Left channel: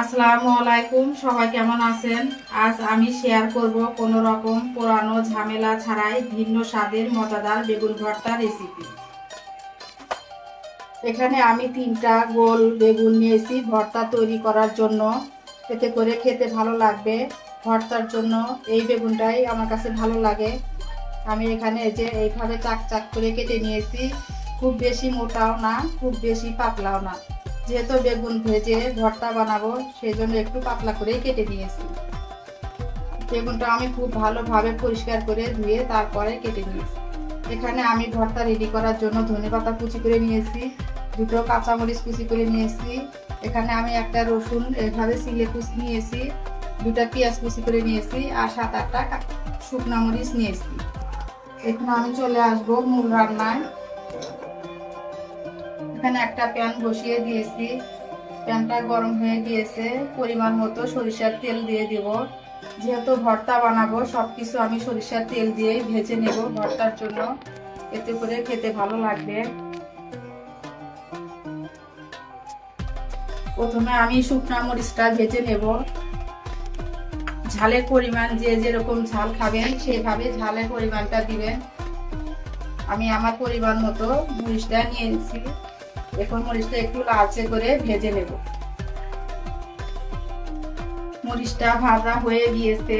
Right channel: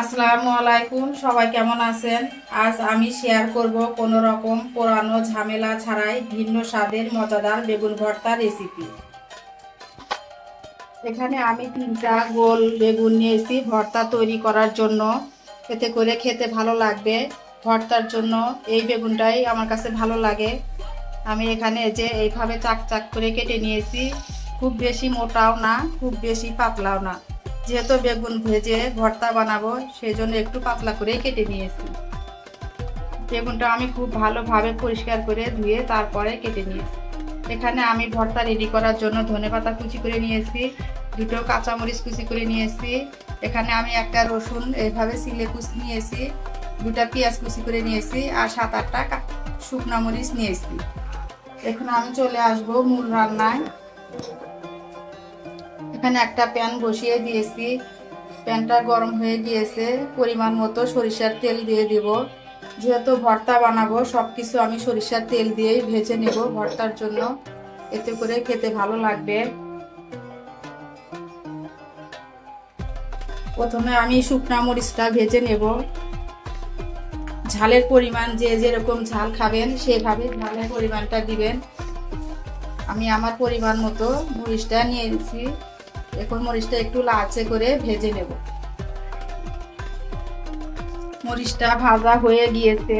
আসসালামু আলাইকুম, সবাই কেমন আছেন? আজ আমি শেয়ার করব কোনো রকম পোড়ানো ঝামেলা ছাড়াই ভিন্ন স্বাদের মজাদার বেগুন ভর্তা রেসিপি। এখানে আমি 3টা গোল বেগুন নিয়েছি ভর্তা তৈরি করার জন্য। এতে করে খেতে ভালো লাগবে। ভর্তার জন্য এই বেগুনটাই আমার কাছে ভালো লাগে। আমি এখানে যে এইভাবে চাক চাক করে কেটে নিয়েছি। খুব বেশি মোটাও না, খুব বেশি পাতলাও না। যেহেতু বেগুন ভেজে ভর্তা বানাবো, সেই জন্য একটু পাতলা করে কেটে নিয়েছি। বেগুনটা আমি খুব ভালোভাবে পরিষ্কার করে ধুয়ে তারপরে কেটে নিয়েছি। এখানে আমি ভর্তা রেডি করার জন্য ধনেপাতা কুচি করে নিয়েছি, 2টো কাঁচামরিচ কুচি করে নিয়েছি। এখানে আমি একটা রসুন এইভাবে সিলে কুচি নিয়েছি, 2টা পেঁয়াজ কুচি করে নিয়েছি আর 7-8টা শুকনো মরিচ নিয়েছি। এখন আমি চলে আসবো মূল রান্নায়। এখানে একটা প্যান বসিয়ে দিয়েছি, প্যানটা গরম হয়ে গিয়েছে। পরিমাণ মতো সরিষার তেল দিয়ে দেব। যেহেতু ভর্তা বানাবো, সবকিছু আমি সরিষার তেল দিয়েই ভেজে নেব ভর্তার জন্য, এতে করে খেতে ভালো লাগবে। প্রথমে আমি শুকনো মরিচটা ভেজে নেব। ঝালের পরিমাণ যে যেরকম ঝাল খাবেন সেভাবে ঝালের পরিমাণটা দিবেন। আমি আমার পরিমাণ মতো মরিচটা নিয়ে নিয়েছি। এখন মরিচটা একটু লালচে করে ভেজে নেব। মরিচটা ভাজা হয়ে গিয়েছে,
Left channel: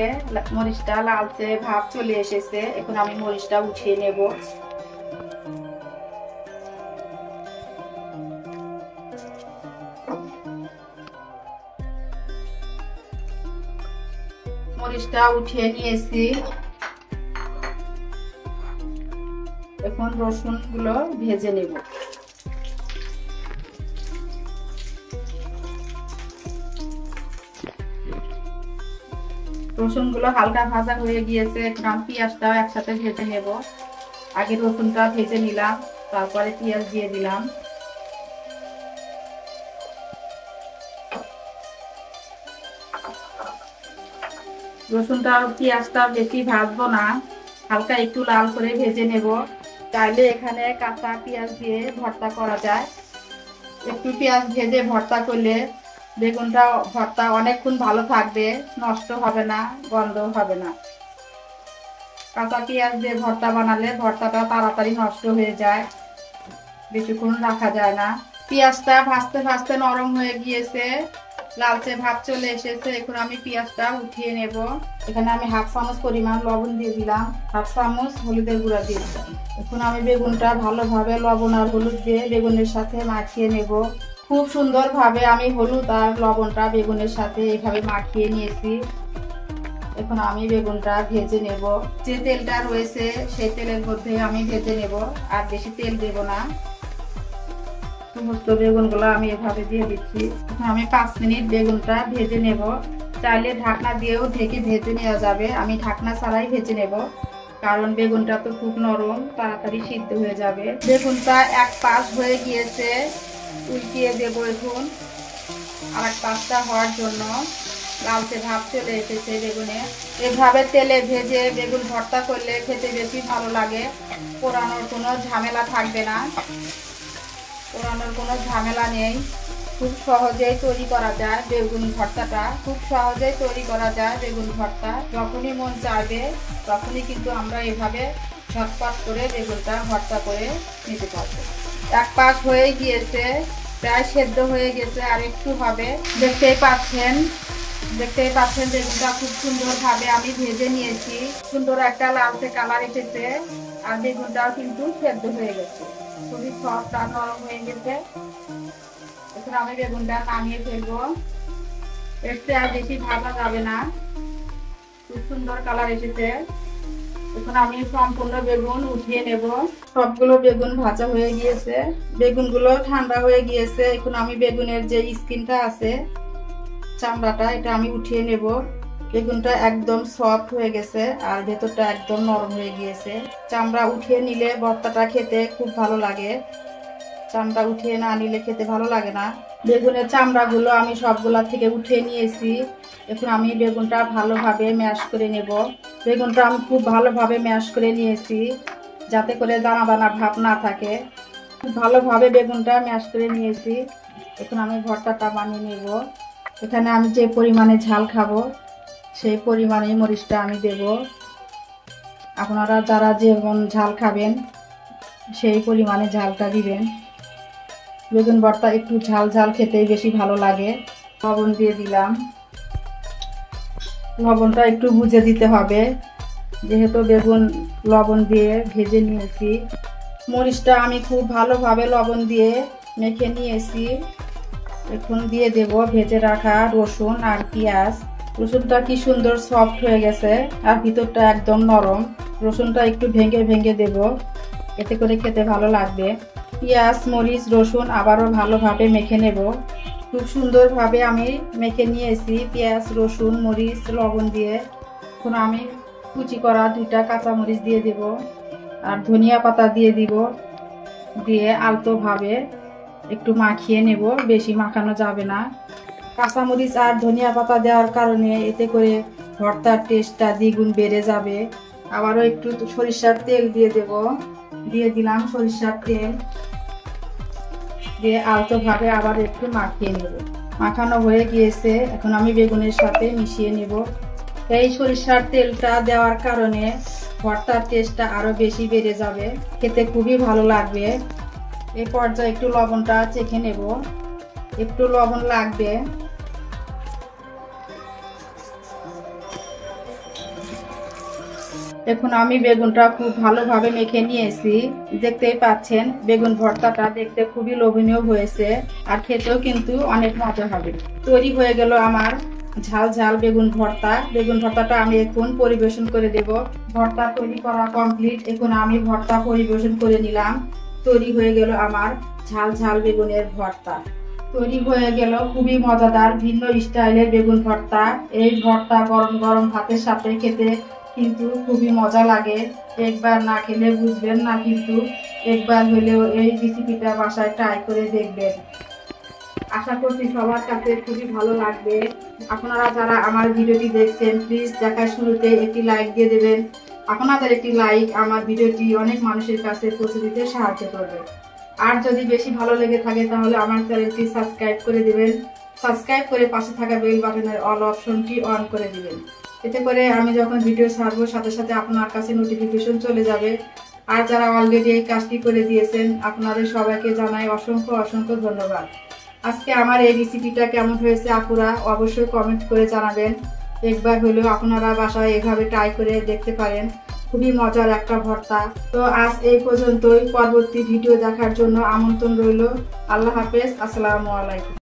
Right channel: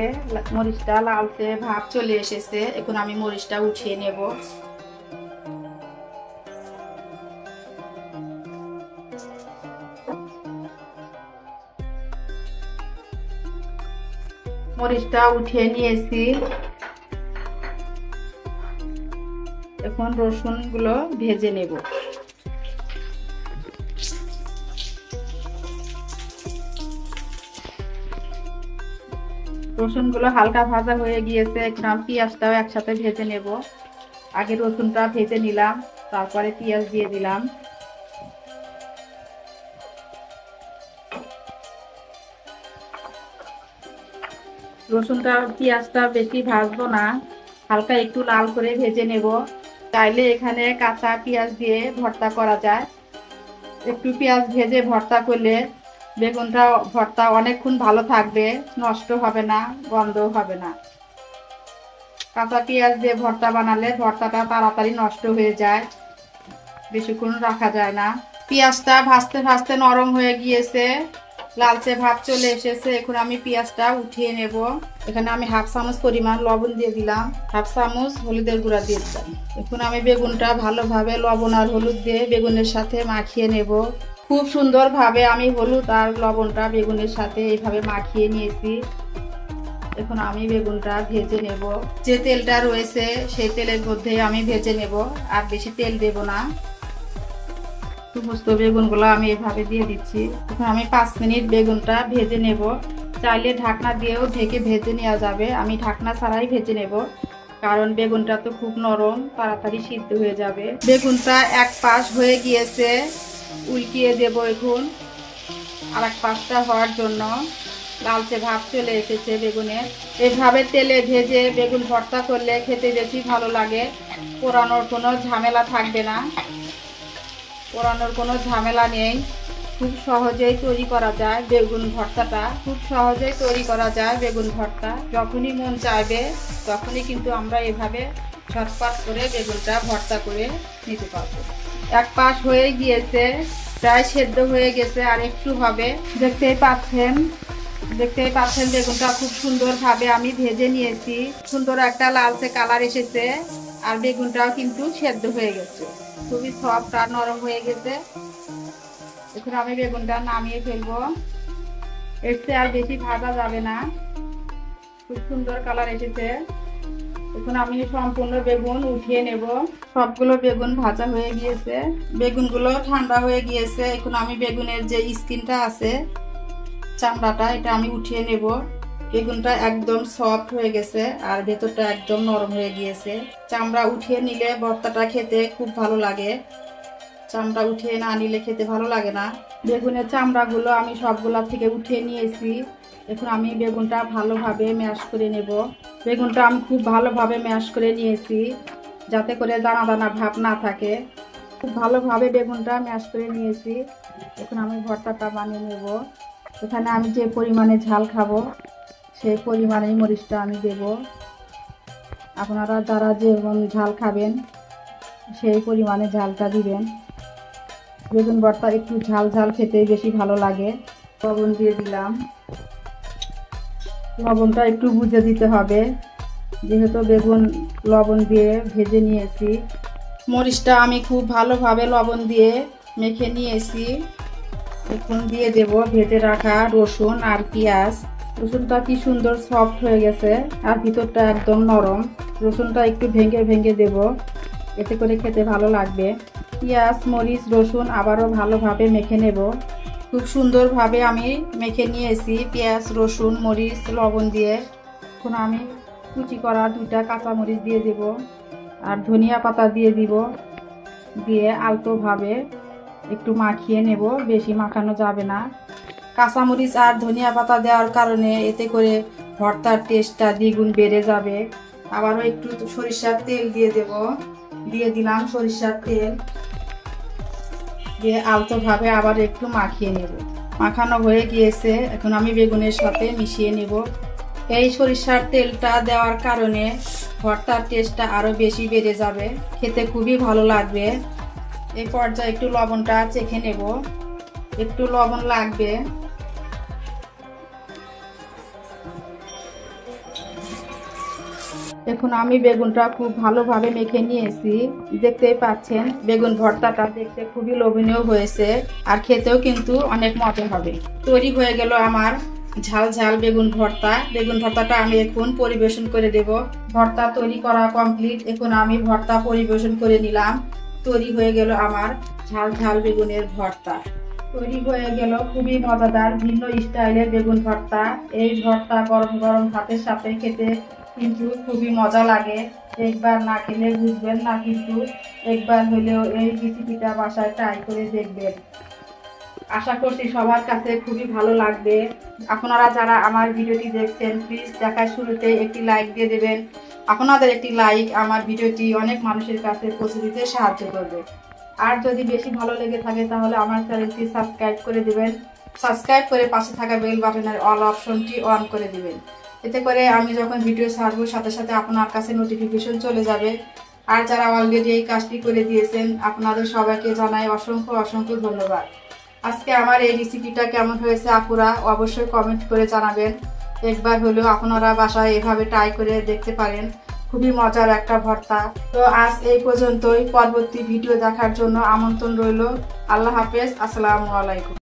মরিচটা লালচে ভাব চলে এসেছে। এখন আমি মরিচটা উঠিয়ে নেব। মরিচটা উঠিয়ে নিয়েছি। এখন রসুনগুলো ভেজে নেব। রসুনগুলো হালকা ভাজা হয়ে গিয়েছে। এখন আমি পেঁয়াজটাও একসাথে ভেজে নেব। আগে রসুনটা ভেজে নিলাম, তারপরে পেঁয়াজ দিয়ে দিলাম। রসুনটা পেঁয়াজটা বেশি ভাজবো না, হালকা একটু লাল করে ভেজে নেব। চাইলে এখানে কাঁচা পেঁয়াজ দিয়ে ভর্তা করা যায়। একটু পেঁয়াজ ভেজে ভর্তা করলে বেগুনটা ভর্তা অনেকক্ষণ ভালো থাকবে, নষ্ট হবে না, গন্ধ হবে না। কাঁচা পেঁয়াজ দিয়ে ভর্তা বানালে ভর্তাটা তাড়াতাড়ি নষ্ট হয়ে যায়, বেশিক্ষণ রাখা যায় না। পেঁয়াজটা ভাজতে ভাজতে নরম হয়ে গিয়েছে, লালচে ভাব চলে এসেছে। এখন আমি পেঁয়াজটা উঠিয়ে নেব। এখানে আমি 1/2 চামচ পরিমাণ লবণ দিয়ে দিলাম, 1/2 চামচ হলুদের গুঁড়া দিয়ে দিলাম। এখন আমি বেগুনটা ভালোভাবে লবণ আর হলুদ দিয়ে বেগুনের সাথে মাখিয়ে নেব। খুব সুন্দরভাবে আমি হলুদ আর লবণটা বেগুনের সাথে এইভাবে মাখিয়ে নিয়েছি। এখন আমি বেগুনটা ভেজে নেব। যে তেলটা রয়েছে সেই তেলের মধ্যে আমি ভেজে নেব, আর বেশি তেল দেব না। সমস্ত বেগুনগুলো আমি এভাবে দিয়ে দিচ্ছি। এখন আমি 5 মিনিট বেগুনটা ভেজে নেব। চাইলে ঢাকনা দিয়েও ঢেকে ভেজে নেওয়া যাবে, আমি ঢাকনা ছাড়াই ভেজে নেব, কারণ বেগুনটা তো খুব নরম, তাড়াতাড়ি সিদ্ধ হয়ে যাবে। বেগুনটা এক পাশ হয়ে গিয়েছে, উল্টিয়ে দেব। এখন আর এক পাশটা হওয়ার জন্য লালচে ভাব চলে এসেছে বেগুনে। এভাবে তেলে ভেজে বেগুন ভর্তা করলে খেতে বেশি ভালো লাগে। পোড়ানোর কোনো ঝামেলা থাকবে না, পোড়ানোর কোনো ঝামেলা নেই। খুব সহজেই তৈরি করা যায় বেগুন ভর্তাটা, খুব সহজেই তৈরি করা যায় বেগুন ভর্তা। যখনই মন চাইবে তখনই কিন্তু আমরা এভাবে ঝটপট করে বেগুনটা ভর্তা করে নিতে পারবো। এক পাশ হয়ে গিয়েছে, প্রায় সেদ্ধ হয়ে গেছে, আর একটু হবে। দেখতেই পাচ্ছেন বেগুনটা খুব সুন্দরভাবে আমি ভেজে নিয়েছি। সুন্দর একটা লালচে কালার এসেছে, আর বেগুনটাও কিন্তু সেদ্ধ হয়ে গেছে, খুবই সফট আর নরম হয়ে গেছে। এখন আমি বেগুনটা নামিয়ে ফেলবো। এর চেয়ে আর বেশি ভাজা যাবে না, খুব সুন্দর কালার এসেছে। এখন আমি সম্পূর্ণ বেগুন উঠিয়ে নেব। সবগুলো বেগুন ভাজা হয়ে গিয়েছে, বেগুনগুলো ঠান্ডা হয়ে গিয়েছে। এখন আমি বেগুনের যে স্কিনটা আছে, চামড়াটা, এটা আমি উঠিয়ে নেব। বেগুনটা একদম সফট হয়ে গেছে আর ভেতরটা একদম নরম হয়ে গিয়েছে। চামড়া উঠিয়ে নিলে ভর্তাটা খেতে খুব ভালো লাগে, চামড়া উঠিয়ে না নিলে খেতে ভালো লাগে না। বেগুনের চামড়াগুলো আমি সবগুলা থেকে উঠিয়ে নিয়েছি। এখন আমি বেগুনটা ভালোভাবে ম্যাশ করে নেব। বেগুনটা আমি খুব ভালোভাবে ম্যাশ করে নিয়েছি, যাতে করে দানা দানা ভাব না থাকে। খুব ভালোভাবে বেগুনটা ম্যাশ করে নিয়েছি। এখন আমি ভর্তাটা বানিয়ে নেব। এখানে আমি যে পরিমাণে ঝাল খাবো সেই পরিমাণেই মরিচটা আমি দেব। আপনারা যারা যেমন ঝাল খাবেন সেই পরিমাণে ঝালটা দিবেন। বেগুন ভর্তা একটু ঝাল ঝাল খেতেই বেশি ভালো লাগে। লবণ দিয়ে দিলাম। লবণটা একটু বুঝে দিতে হবে, যেহেতু বেগুন লবণ দিয়ে ভেজে নিয়েছি। মরিচটা আমি খুব ভালোভাবে লবণ দিয়ে মেখে নিয়েছি। এখন দিয়ে দেব ভেজে রাখা রসুন আর পেঁয়াজ। রসুনটা কি সুন্দর সফট হয়ে গেছে আর ভিতরটা একদম নরম। রসুনটা একটু ভেঙে ভেঙে দেব, এতে করে খেতে ভালো লাগবে। পেঁয়াজ মরিচ রসুন আবারও ভালোভাবে মেখে নেব। খুব সুন্দরভাবে আমি মেখে নিয়েছি পেঁয়াজ রসুন মরিচ লবণ দিয়ে। এখন আমি কুচি করা 2টা কাঁচামরিচ দিয়ে দেব আর ধনিয়া পাতা দিয়ে দিব। দিয়ে আলতোভাবে একটু মাখিয়ে নেব, বেশি মাখানো যাবে না। কাঁচামরিচ আর ধনিয়া পাতা দেওয়ার কারণে এতে করে ভর্তার টেস্টটা দ্বিগুণ বেড়ে যাবে। আবারও একটু সরিষার তেল দিয়ে দেব। দিয়ে দিলাম সরিষার তেল, দিয়ে আলতোভাবে আবার একটু মাখিয়ে নেব। মাখানো হয়ে গিয়েছে, এখন আমি বেগুনের সাথে মিশিয়ে নেব। এই সরিষার তেলটা দেওয়ার কারণে ভর্তার টেস্টটা আরো বেশি বেড়ে যাবে, খেতে খুবই ভালো লাগবে। এই পর্যায়ে একটু লবণটা চেখে নেব, একটু লবণ লাগবে। এখন আমি বেগুনটা খুব ভালোভাবে মেখে নিয়েছি। দেখতেই পাচ্ছেন বেগুন ভর্তাটা দেখতে খুবই লোভনীয় হয়েছে আর খেতেও কিন্তু অনেক মজা হবে। তৈরি হয়ে গেল আমার ঝাল ঝাল বেগুন ভর্তা। বেগুন ভর্তাটা আমি এখন পরিবেশন করে দেব। ভর্তা তৈরি করা কমপ্লিট। এখন আমি ভর্তা পরিবেশন করে নিলাম। তৈরি হয়ে গেল আমার ঝাল ঝাল বেগুনের ভর্তা। তৈরি হয়ে গেল খুবই মজাদার ভিন্ন স্টাইলের বেগুন ভর্তা। এই ভর্তা গরম গরম ভাতের সাথে খেতে কিন্তু খুবই মজা লাগে। একবার না খেলে বুঝবেন না, কিন্তু একবার হলেও এই রেসিপিটা বাসায় ট্রাই করে দেখবেন। আশা করছি সবার কাছে খুবই ভালো লাগবে। আপনারা যারা আমার ভিডিওটি দেখছেন প্লিজ দেখার শুরুতে একটি লাইক দিয়ে দেবেন। আপনাদের একটি লাইক আমার ভিডিওটি অনেক মানুষের কাছে পৌঁছে দিতে সাহায্য করবে। আর যদি বেশি ভালো লেগে থাকে তাহলে আমার চ্যানেলটি সাবস্ক্রাইব করে দেবেন। সাবস্ক্রাইব করে পাশে থাকা বেল বাটনের অল অপশনটি অন করে দেবেন। এতে করে আমি যখন ভিডিও ছাড়বো সাথে সাথে আপনার কাছে নোটিফিকেশন চলে যাবে। আর যারা অলরেডি এই কাজটি করে দিয়েছেন আপনাদের সবাইকে জানাই অসংখ্য অসংখ্য ধন্যবাদ। আজকে আমার এই রেসিপিটা কেমন হয়েছে আপুরা অবশ্যই কমেন্ট করে জানাবেন। একবার হলেও আপনারা বাসায় এভাবে ট্রাই করে দেখতে পারেন, খুবই মজার একটা ভর্তা। তো আজ এই পর্যন্তই। পরবর্তী ভিডিও দেখার জন্য আমন্ত্রণ রইল। আল্লাহ হাফেজ, আসসালামু আলাইকুম।